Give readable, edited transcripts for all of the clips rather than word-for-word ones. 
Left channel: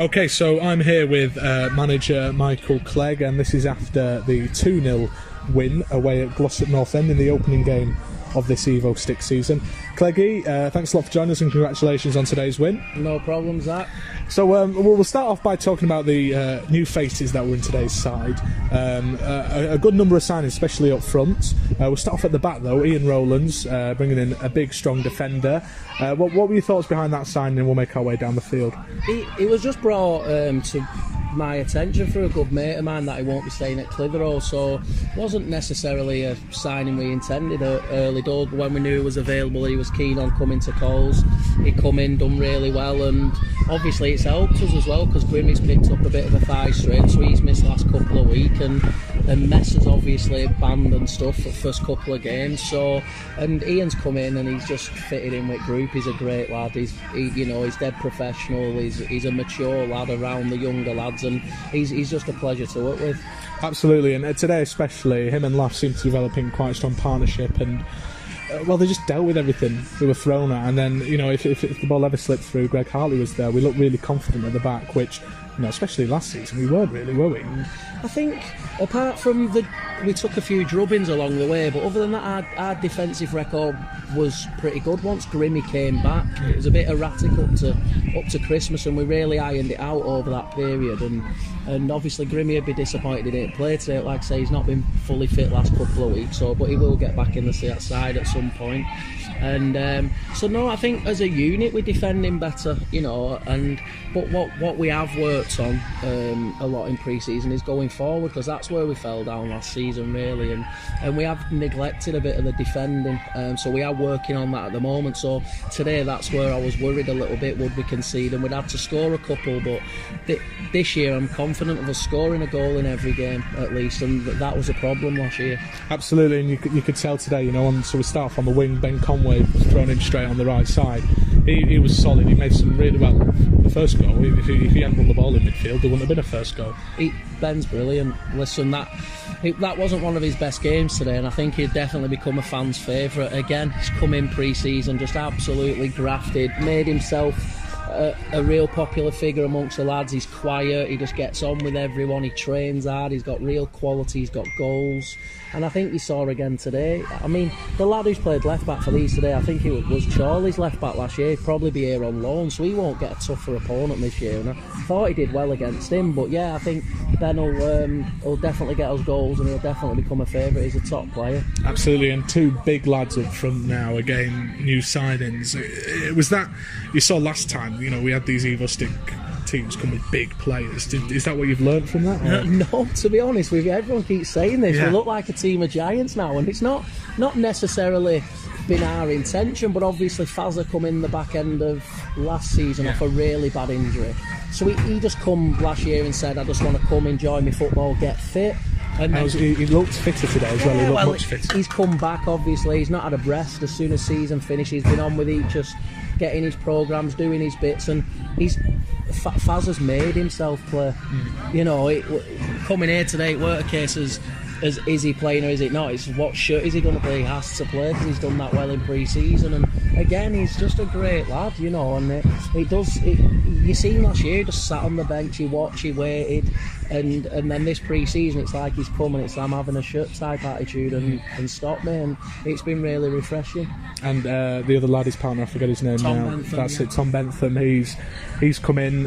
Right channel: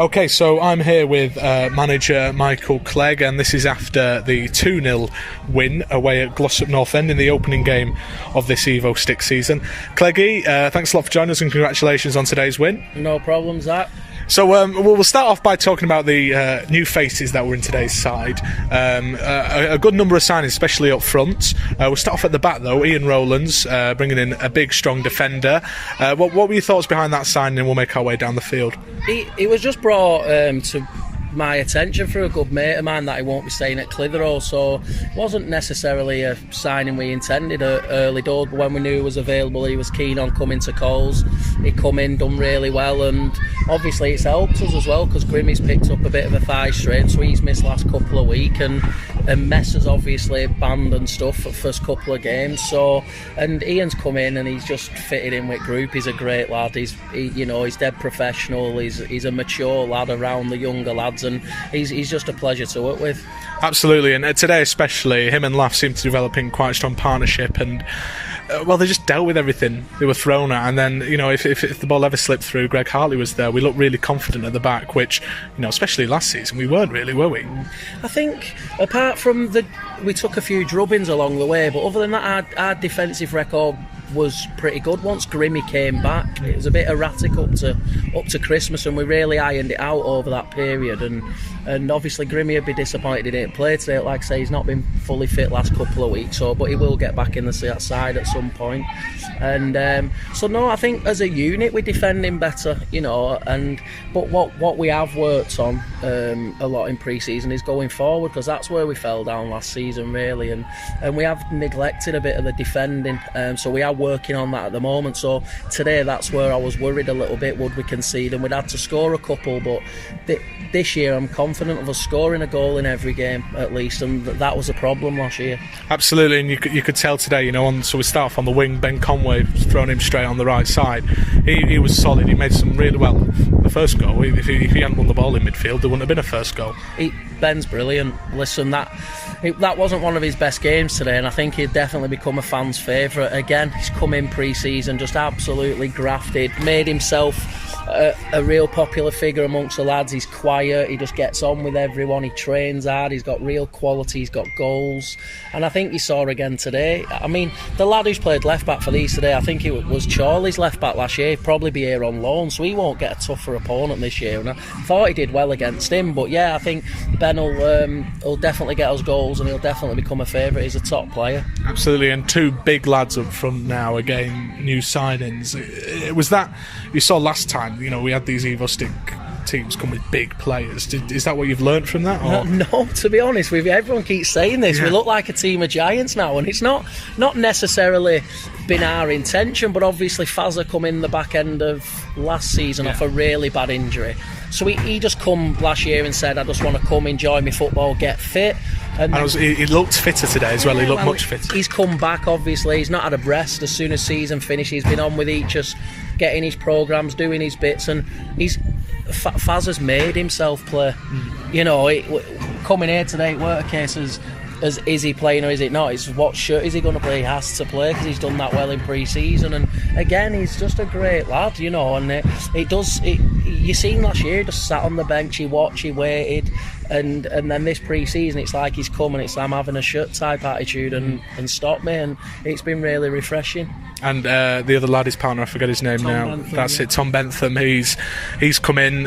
Okay, so I'm here with manager Michael Clegg, and this is after the 2-0 win away at Glossop North End in the opening game of this Evo Stick season. Cleggy, thanks a lot for joining us and congratulations on today's win. No problem, Zach. So we'll start off by talking about the new faces that were in today's side. A good number of signings, especially up front. We'll start off at the back though. Ian Rowlands bringing in a big, strong defender. What were your thoughts behind that signing? And we'll make our way down the field. He was just brought to my attention through a good mate of mine that he won't be staying at Clitheroe, so it wasn't necessarily a signing we intended early doors, but when we knew he was available, he was keen on coming to Coles. He come in, done really well, and obviously it's helped us as well because Grimmy's picked up a bit of a thigh strain, so he's missed last couple of weeks, and Messer's obviously banned and stuff for the first couple of games, so, and Ian's come in and he's just fitted in with group. He's a great lad, he's dead professional, he's a mature lad around the younger lads, and he's just a pleasure to work with. Absolutely, and today especially, him and Laff seem to develop in quite a strong partnership, and well, they just dealt with everything they were thrown at, and then, if the ball ever slipped through, Greg Hartley was there. We looked really confident at the back, which, especially last season, we weren't really, were we? I think, apart from we took a few drubbings along the way, but other than that, our defensive record was pretty good once Grimmy came back. It was a bit erratic up to Christmas, and we really ironed it out over that period, and obviously Grimmy would be disappointed he didn't play today. Like I say, he's not been fully fit last couple of weeks, but he will get back in the side at some point. And so no, I think as a unit we're defending better, but what we have worked on a lot in pre-season is going forward, because that's where we fell down last season really, and we have neglected a bit of the defending, so we are working on that at the moment. So today that's where I was worried a little bit, would we concede, and we'd had to score a couple, but this year I'm confident of us scoring a goal in every game at least, and that was a problem last year. Absolutely, and you could tell today, so we start off on the wing, Ben Conway throwing him straight on the right side. He was solid, he made some really well. The first goal, if he hadn't won the ball in midfield, there wouldn't have been a first goal. Ben's brilliant. Listen, that wasn't one of his best games today, and I think he'd definitely become a fan's favourite again. He's come in pre-season, just absolutely grafted, made himself a real popular figure amongst the lads. He's quiet, he just gets on with everyone, he trains hard, he's got real quality, he's got goals, and I think you saw again today. I mean, the lad who's played left back for these today, I think it was Charlie's left back last year. He'd probably be here on loan, so he won't get a tougher opponent this year, and I thought he did well against him. But yeah, I think Ben will definitely get us goals, and he'll definitely become a favourite. He's a top player. Absolutely, and two big lads up front now, again, new signings. It was that you saw last time, we had these Evo Stick teams come with big players. Is that what you've learned from that? Or? No, to be honest with you, everyone keeps saying this. Yeah. We look like a team of giants now, and it's not necessarily been our intention, but obviously Fazza come in the back end of last season off a really bad injury. So he just come last year and said, I just want to come, enjoy my football, get fit. And then, he looked fitter today as well. He looked much fitter. He's come back, obviously. He's not had a rest as soon as season finished. He's been on with each, just getting his programmes, doing his bits, and Faz has made himself play. Coming here today, it weren't a case as is he playing or is it not? It's what shirt is he going to play? He has to play because he's done that well in pre-season, and again, he's just a great lad, and you seen last year, he just sat on the bench, he watched, he waited, and then this pre-season, it's like he's come and it's like I'm having a shirt type attitude and stop me, and it's been really refreshing. And the other lad, his partner, I forget his name Tom now. Bentham, That's it, Tom Bentham. He's come in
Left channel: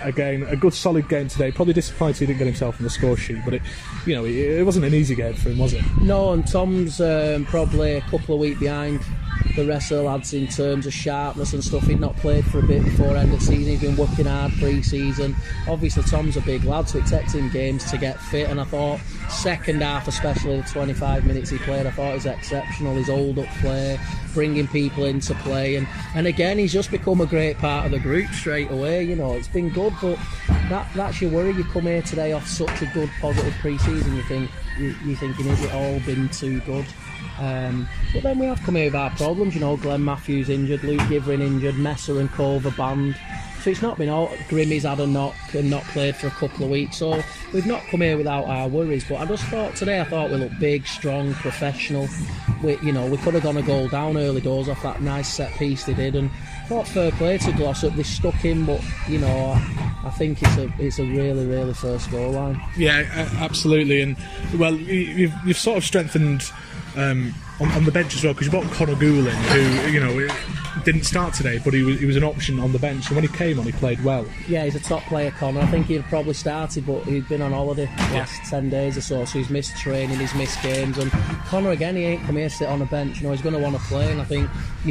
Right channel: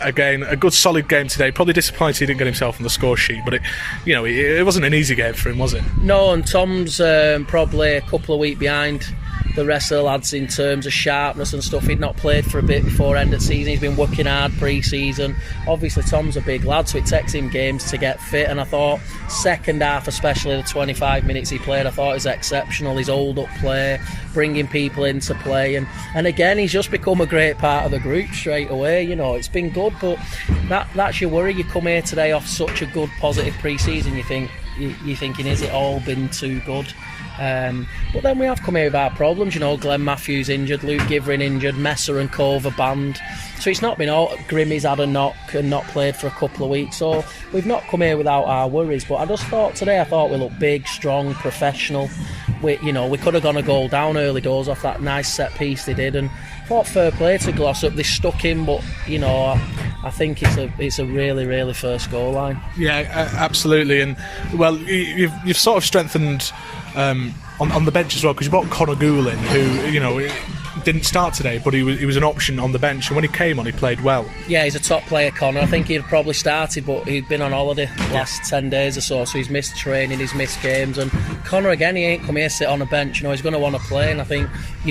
again, a good solid game today. Probably disappointed he didn't get himself on the score sheet, but it wasn't an easy game for him, was it? No, and Tom's probably a couple of weeks behind the rest of the lads in terms of sharpness and stuff. He'd not played for a bit before end of season. He's been working hard pre-season. Obviously Tom's a big lad, so it takes him games to get fit, and I thought second half, especially the 25 minutes he played, I thought it was exceptional. His hold-up play, bringing people into play, and again, he's just become a great part of the group straight away. It's been good, but that's your worry. You come here today off such a good positive pre-season, you're thinking, is it all been too good? But then we have come here with our problems. Glenn Matthews injured, Luke Givering injured, Messer and Cove are banned. So it's not been all. Grimmy's had a knock and not played for a couple of weeks, so we've not come here without our worries. But I just thought today, I thought we looked big, strong, professional. We could have gone a goal down early doors off that nice set piece they did, and thought fair play to Glossop. They stuck in, but I think it's a really, really first goal line. Yeah, absolutely. And well, you've sort of strengthened on the bench as well, because you brought Connor Goulin, who didn't start today, but he was an option on the bench, and when he came on, he played well. Yeah, he's a top player, Connor. I think he'd probably started, but he'd been on holiday the last 10 days or so he's missed training, he's missed games. And Connor, again, he ain't come here to sit on a bench. He's going to want to play, and I think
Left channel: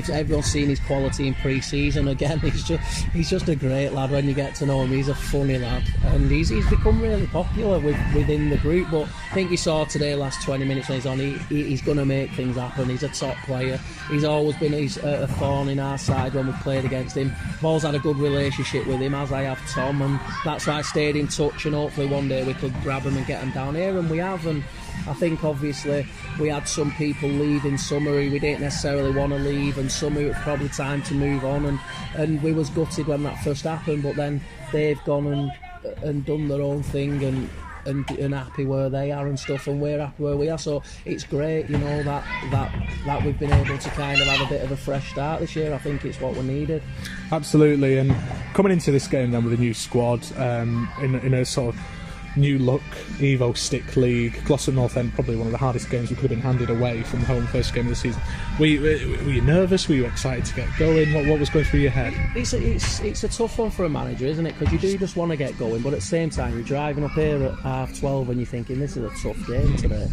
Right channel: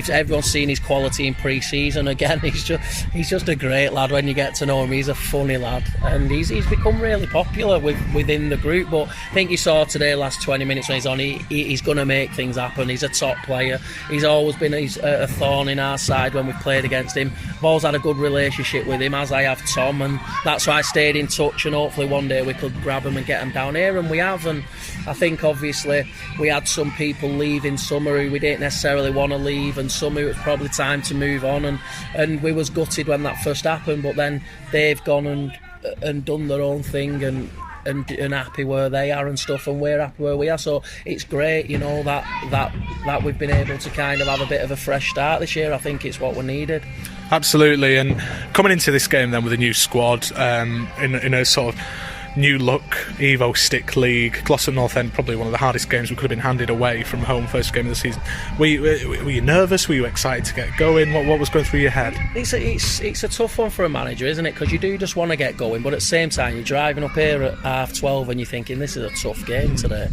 everyone's seen his quality in pre-season. Again, he's just a great lad when you get to know him. He's a funny lad, and he's become really popular within the group. But I think you saw today, last 20 minutes when he's on, he's going to make things happen. He's a top player. He's always been a thorn in our side when we've played against him. I've always had a good relationship with him, as I have Tom, and that's why I stayed in touch, and hopefully one day we could grab him and get him down here, and we have. And I think obviously we had some people leave in summer who we didn't necessarily want to leave, and some who it was probably time to move on, and we was gutted when that first happened, but then they've gone and done their own thing and happy where they are and stuff, and we're happy where we are. So it's great, that we've been able to kind of have a bit of a fresh start this year. I think it's what we needed. Absolutely. And coming into this game then with a new squad, in a sort of new look Evo Stick League, Glossop North End, probably one of the hardest games we could have been handed away from home, first game of the season. Were you nervous? Were you excited to get going? What was going through your head? It's a tough one for a manager, isn't it? Because you do just want to get going, but at the same time you're driving up here at 12:30 and you're thinking this is a tough game today.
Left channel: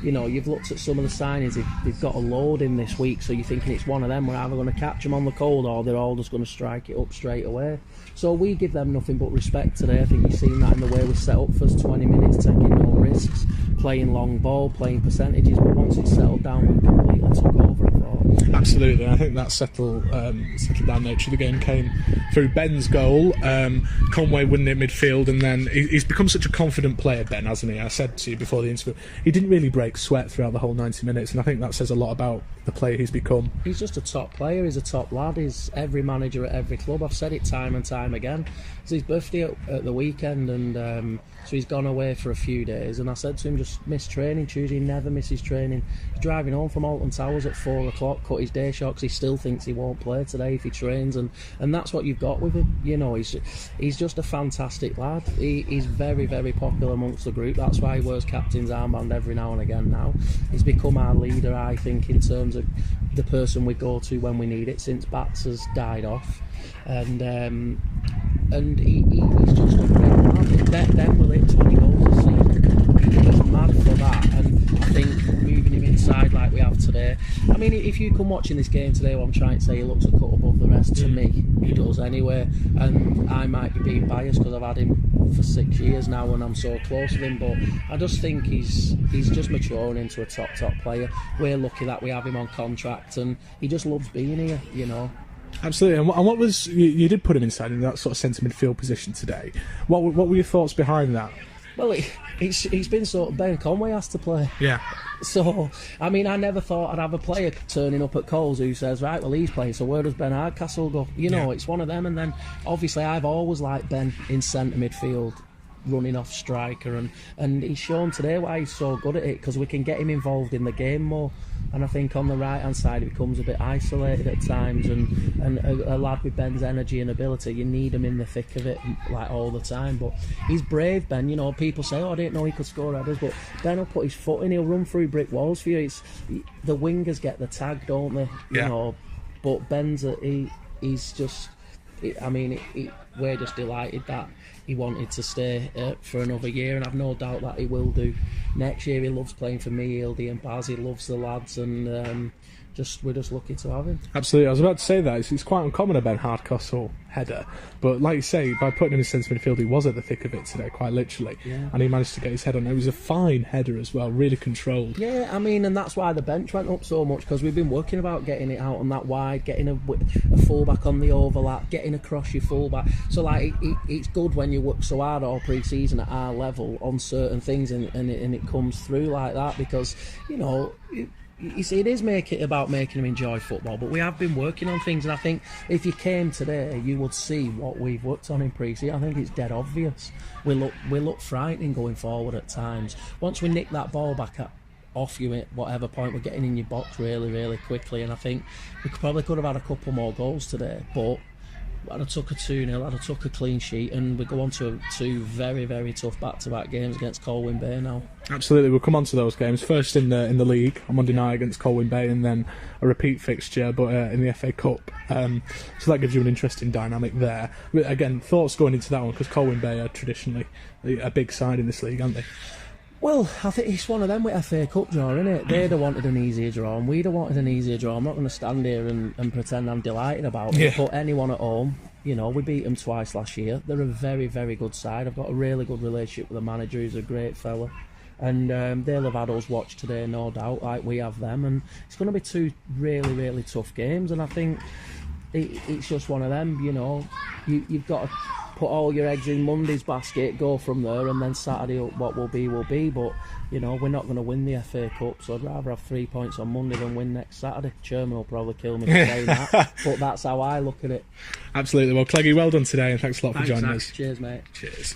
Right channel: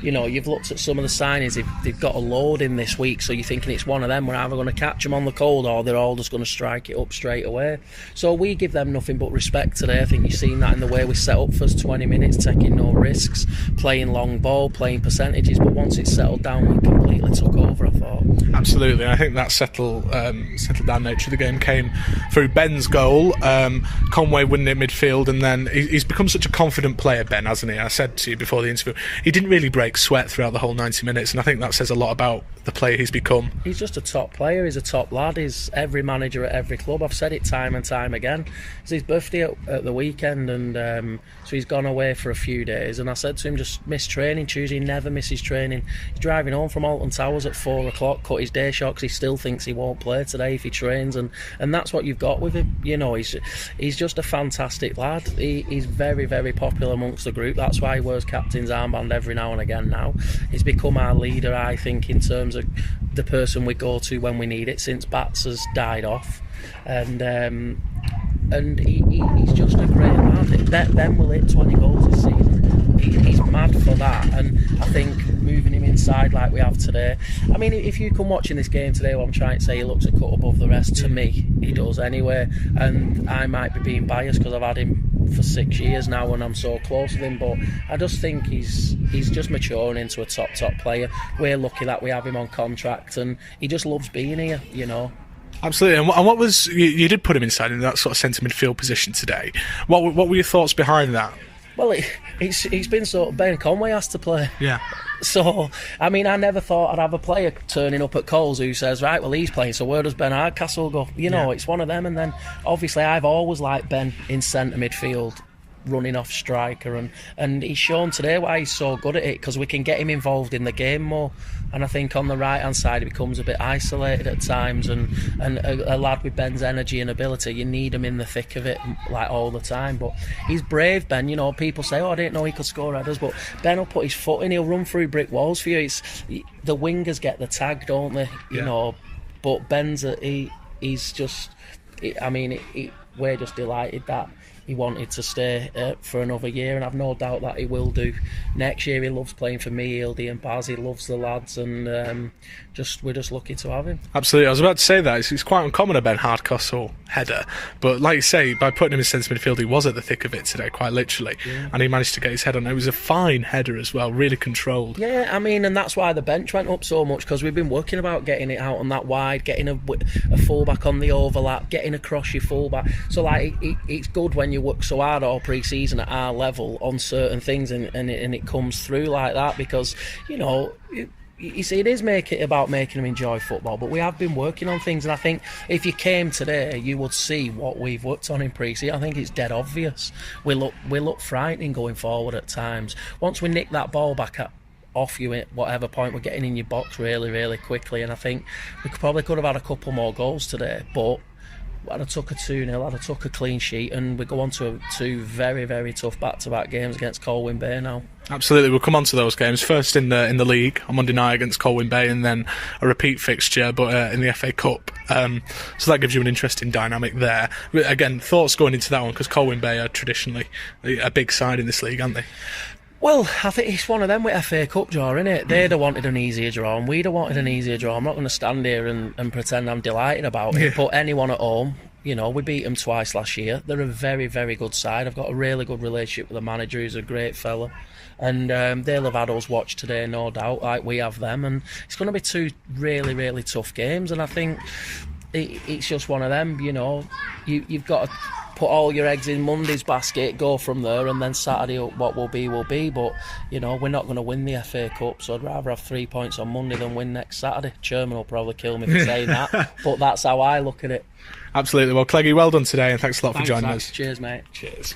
You've looked at some of the signings, they've got a load in this week, so you're thinking it's one of them. We're either going to catch them on the cold, or they're all just going to strike it up straight away. So we give them nothing but respect today. I think you've seen that in the way we set up for 20 minutes, taking no risks, playing long ball, playing percentages, but once it's settled down, we completely took over, I thought. Absolutely, and I think that settled down nature of the game came through Ben's goal, Conway winning at midfield, and then he's become such a confident player, Ben, hasn't he? I said to you before the interview, he didn't really break sweat throughout the whole 90 minutes, and I think that says a lot about the player he's become. He's just a top player, he's a top lad, he's every manager at every club. I've said it time and time again. It's his birthday at the weekend, and so he's gone away for a few days, and I said to him, just miss training. Tuesday, he never misses training. He's driving home from Alton Towers at 4 o'clock, cut his day short because he still thinks he won't play today if he trains, and that's what you've got with him. He's just a fantastic lad. He's very, very popular amongst the group. That's why he wears captain's armband every now and again now. He's become our leader, I think, in terms of the person we go to when we need it, since Bats has died off. And he's just a great lad. Ben will hit 20 goals this season. He's mad for that, and I think moving him inside like we have today. I mean, if you come watching this game today, what I'm trying to say, he looks a cut above the rest. To me, he does anyway. And I might be being biased because I've had him for 6 years now, and I'm so close with him. But I just think he's just maturing into a top player. We're lucky that we have him on contract, and he just loves being here. Absolutely. And what was you did put him inside in that sort of centre midfield position today? What were your thoughts behind that? Well, he's been sort of, Ben Conway has to play. Yeah. So, I mean, I never thought I'd have a player turning up at Coles who says, right, well, he's playing, so where does Ben Hardcastle go? It's one of them. And then, obviously, I've always liked Ben in centre midfield, running off striker, and he's shown today why he's so good at it, because we can get him involved in the game more. And I think on the right hand side he becomes a bit isolated at times, and a lad with Ben's energy and ability, you need him in the thick of it like all the time. But he's brave, Ben. People say, I didn't know he could score headers, but Ben will put his foot in, he'll run through brick walls for you. The wingers get the tag, don't they? But Ben's he's just, we're just delighted that he wanted to stay for another year, and I've no doubt that he will do next year. He loves playing for me, Hildy and Baz. He loves the lads, and we're just lucky to have him. Absolutely. I was about to say that it's quite uncommon a Ben Hardcastle header, but like you say, by putting him in centre midfield, he was at the thick of it today, quite literally, and he managed to get his head on. It was a fine header as well, really controlled. Yeah, and that's why the bench went up so much, because we've been working about getting it out on that wide, getting a fullback on the overlap, getting across your fullback. So it's good when you work so hard all pre-season at our level on certain things, and it comes through like that, because you see, it is about making them enjoy football, but we have been working on things, and I think if you came today, you would see what we've worked on in pre-season. I think it's dead obvious. We look frightening going forward at times. Once we nick that ball back off you at whatever point, we're getting in your box really, really quickly, and I think we could have had a couple more goals today, but I'd have took a 2-0, I'd have took a clean sheet, and we go on to two very, very tough back-to-back games against Colwyn Bay now. Absolutely, we'll come on to those games. First in the league on Monday night against Colwyn Bay, and then a repeat fixture, but in the FA Cup. So that gives you an interesting dynamic there. Again, thoughts going into that one, because Colwyn Bay are traditionally a big side in this league, aren't they? Well, I think it's one of them with FA Cup draw, isn't it? They'd have wanted an easier draw, and we'd have wanted an easier draw. I'm not going to stand here and pretend I'm delighted about it, but anyone at home, you know, we beat them twice last year. They're a very, very good side. I've got a really good relationship with the manager, who's a great fella. And they'll have had us watch today, no doubt, like we have them. And it's going to be two really, really tough games, and I think it's just one of them, you know. You've got to put all your eggs in Monday's basket, go from there, and then Saturday what will be will be. But you know, we're not going to win the FA Cup, so I'd rather have 3 points on Monday than win next Saturday. Chairman will probably kill me for saying that, but that's how I look at it. Absolutely. Well, Cleggy, well done today, and thanks a lot for joining us. Cheers, mate. Cheers.